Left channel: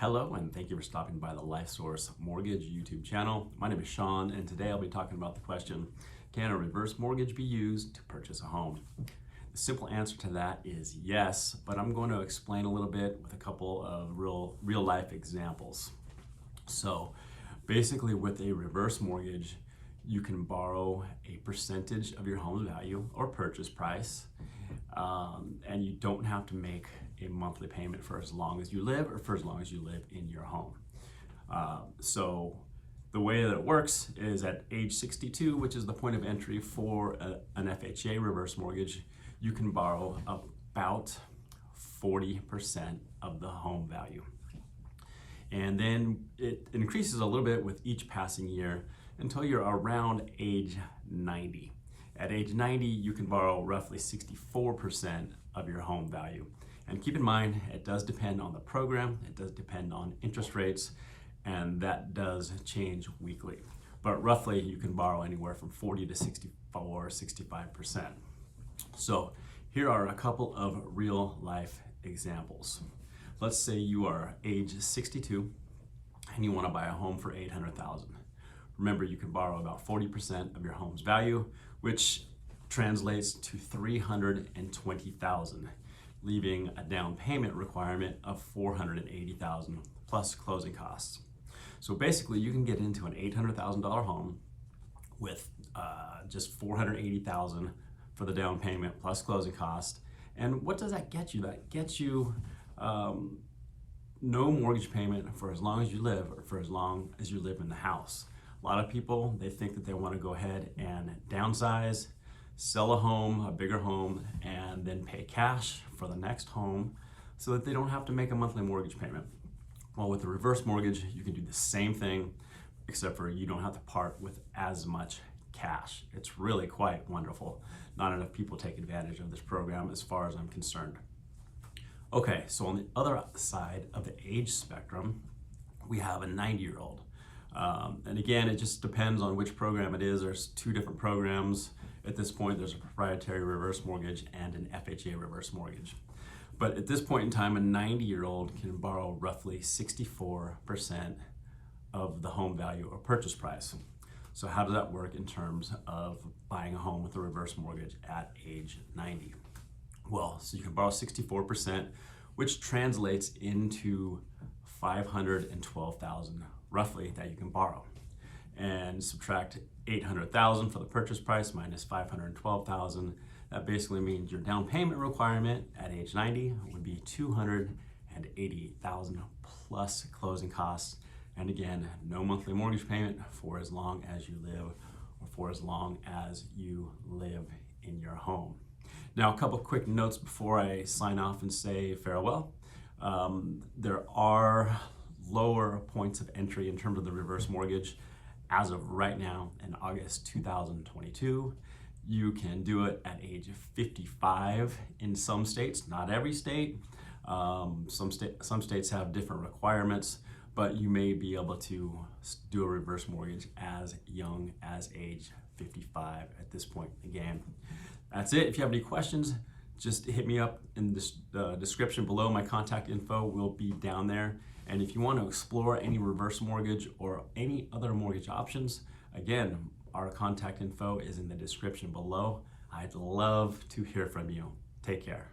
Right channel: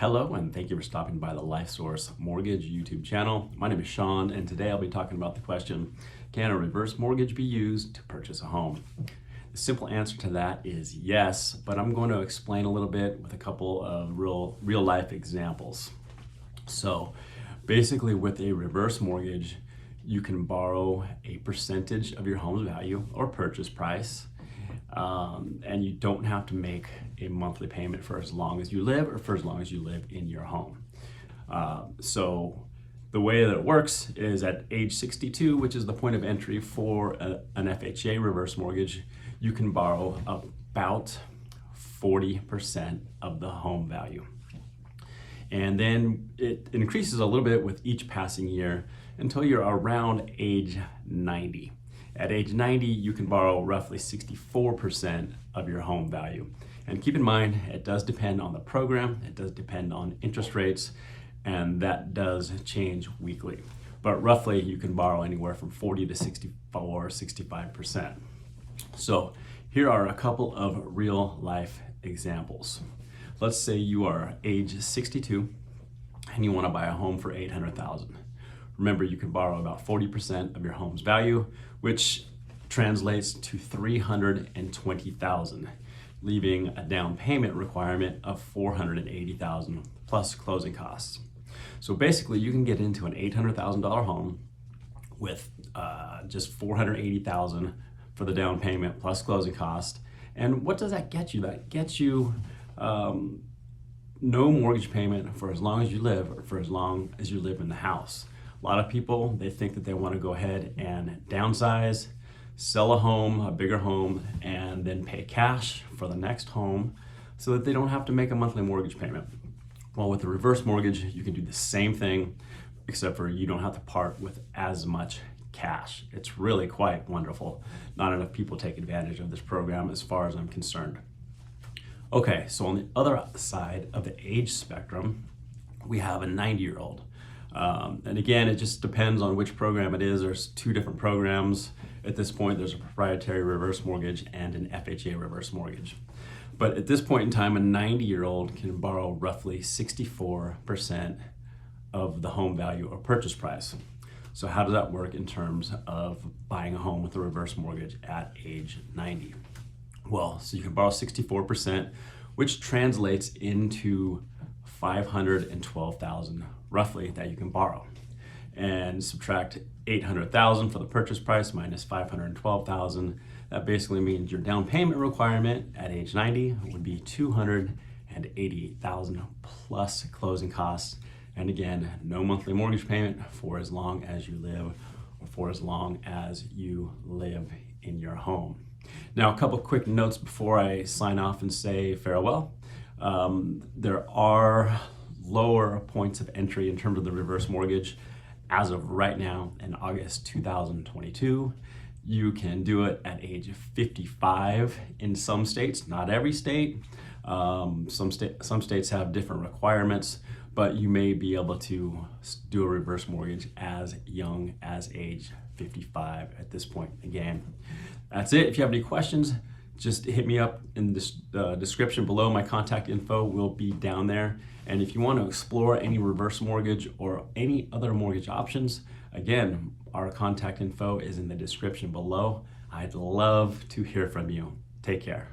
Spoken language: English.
Hello, and thank you for stopping by the LifeSource Mortgage YouTube channel. My name is Shawn, and today I'll be talking about the question, can a reverse mortgage be used to purchase a home? The simple answer to that is yes, but I'm going to explain a little bit with a couple of real life examples. So basically with a reverse mortgage, you can borrow a percentage of your home's value or purchase price, and you don't have to make a monthly payment for as long as you live or for as long as you live in your home. So the way that it works is at age 62, which is the point of entry for an FHA reverse mortgage, you can borrow about 40% of the home value. And then it increases a little bit with each passing year until you're around age 90. At age 90, you can borrow roughly 64% of your home value. And keep in mind, it does depend on the program, it does depend on interest rates, and that does change weekly. But roughly, you can borrow anywhere from 40 to 64, 65%. So here are a couple of real life examples. Let's say you are age 62 and you want to buy a home for $800,000. Remember, you can borrow about 40% of your home's value, which translates to $320,000, leaving a down payment requirement of $480,000 plus closing costs. So basically, you can get into an $800,000 home with just $480,000 for the down payment plus closing cost. And what does that get you? That gets you no mortgage payment for as long as you live or for as long as you live in the house. A lot of people, they think that they want to go ahead and downsize, sell a home, a bigger home, and then pay cash for the next home so that they don't have to make a monthly mortgage payment. Well, with a reverse mortgage, you can do the same thing, except for you don't have to part with as much cash. It's really quite wonderful. Not enough people take advantage of this program as far as I'm concerned. Okay, so on the other side of the age spectrum, we have a 90-year-old. And again, it just depends on which program it is. There's two different programs. At this point, there's a proprietary reverse mortgage and an FHA reverse mortgage. But at this point in time, a 90-year-old can borrow roughly 64% of the home value or purchase price. So how does that work in terms of buying a home with a reverse mortgage at age 90? Well, so you can borrow 64%, which translates into $512,000 roughly that you can borrow, and subtract $800,000 for the purchase price minus $512,000. That basically means your down payment requirement at age 90 would be $288,000 plus closing costs. And again, no monthly mortgage payment for as long as you live or for as long as you live in your home. Now, a couple quick notes before I sign off and say farewell. There are lower points of entry in terms of the reverse mortgage. As of right now, in August 2022, you can do it at age 55 in some states, not every state. Some states have different requirements, but you may be able to do a reverse mortgage as young as age 55 at this point in the game. That's it. If you have any questions, just hit me up in the description below. My contact info will be down there. And if you want to explore any reverse mortgage or any other mortgage options, again, our contact info is in the description below. I'd love to hear from you. Take care.